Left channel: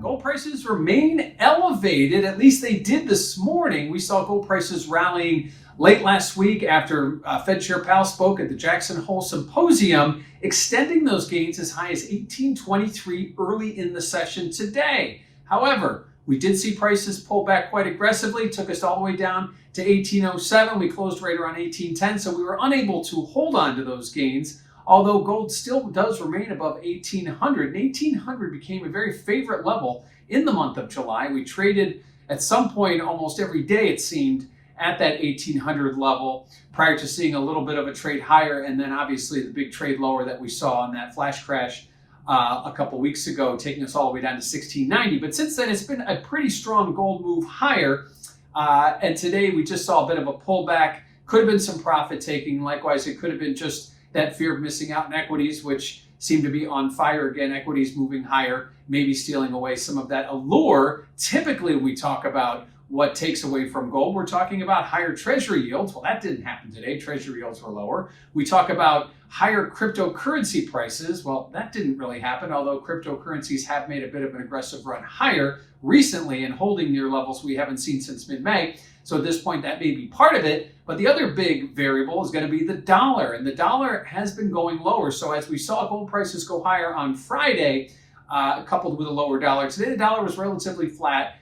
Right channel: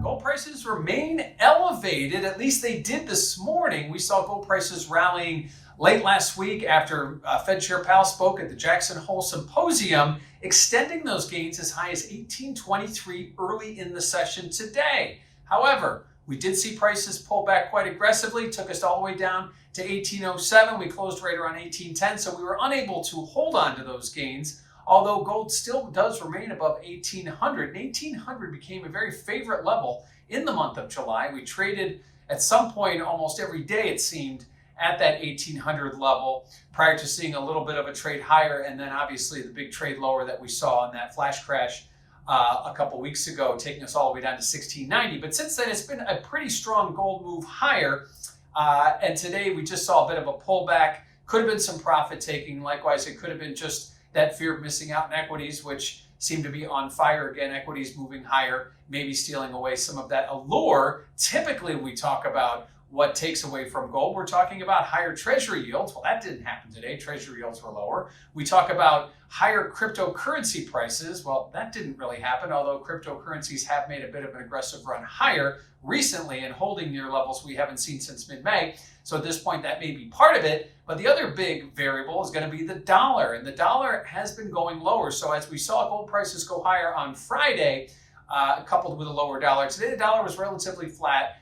Gold prices remain elevated. At least they did this morning. We saw gold prices rallying late last week after Fed Chair Powell spoke at the Jackson Hole Symposium, extending those gains as high as 1823 early in the session today. However, we did see prices pull back quite aggressively, took us all the way down to 1807. We closed right around 1810, so we were unable to hold on to those gains, although gold still does remain above 1800. And 1800 became a very favorite level in the month of July. We traded at some point almost every day, it seemed, at that 1800 level prior to seeing a little bit of a trade higher, and then obviously the big trade lower that we saw in that flash crash a couple weeks ago, taking us all the way down to 1690. But since then, it's been a pretty strong gold move higher. And today we just saw a bit of a pullback. Could have been some profit taking. Likewise, it could have been just that fear of missing out in equities, which seem to be on fire again. Equities moving higher, maybe stealing away some of that allure. Typically, when we talk about what takes away from gold, we're talking about higher treasury yields. Well, that didn't happen today. Treasury yields were lower. We talk about higher cryptocurrency prices. Well, that didn't really happen, although cryptocurrencies have made a bit of an aggressive run higher recently and holding near levels we haven't seen since mid-May. So at this point, that may be part of it. But the other big variable is going to be the dollar. And the dollar has been going lower. So as we saw gold prices go higher on Friday, coupled with a lower dollar, today the dollar was relatively flat.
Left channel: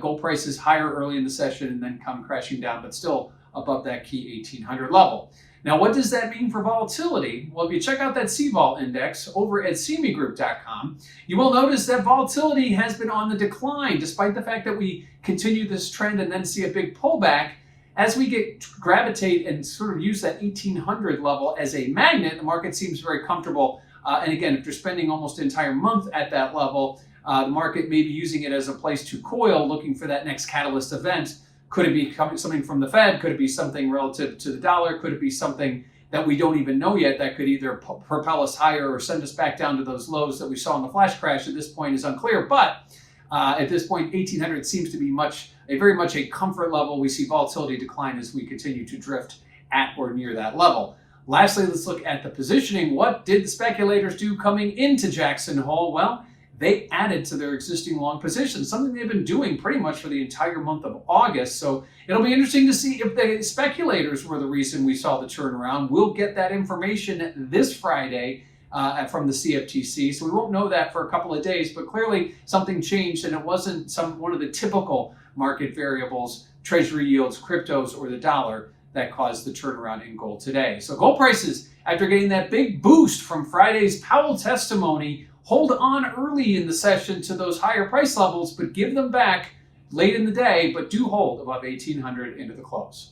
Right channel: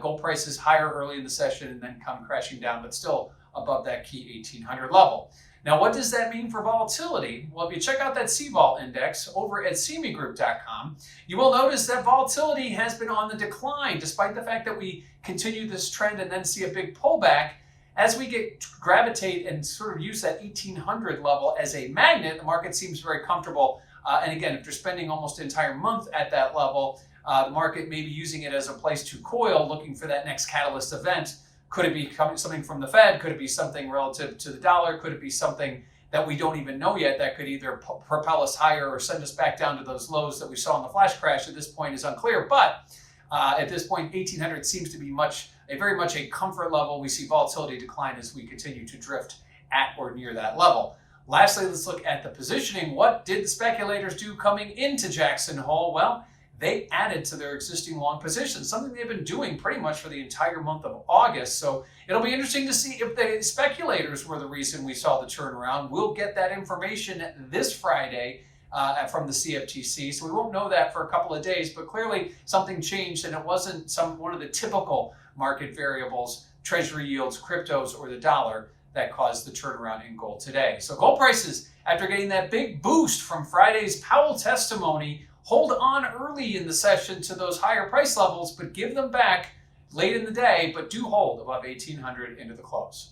Gold prices higher early in the session and then come crashing down, but still above that key 1800 level. Now, what does that mean for volatility? Well, if you check out that CVol index over at cmegroup.com, you will notice that volatility has been on the decline, despite the fact that we continue this trend and then see a big pullback. As we gravitate and sort of use that 1800 level as a magnet, the market seems very comfortable. And again, if you're spending almost an entire month at that level, the market may be using it as a place to coil, looking for that next catalyst event. Could it be something from the Fed? Could it be something relative to the dollar? Could it be something that we don't even know yet that could either propel us higher or send us back down to those lows that we saw in the flash crash? At this point is unclear, but at this point, 1800 seems to be very much a comfort level. We see volatility decline as we continue to drift at or near that level. Lastly, let's look at the positioning. What did the speculators do coming into Jackson Hole? Well, they added to their existing long positions, something they've been doing pretty much for the entire month of August. So it'll be interesting to see if the speculators were the reason we saw the turnaround. We'll get that information this Friday from the CFTC. So we won't know that for a couple of days, but clearly something changed and it wasn't one of the typical market variables, treasury yields, cryptos, or the dollar that caused the turnaround in gold today. So gold prices, after getting that big boost from Friday's Powell testimony, hold on early in the session to those higher price levels, but give them back late in the day, but do hold above 1800 into the close.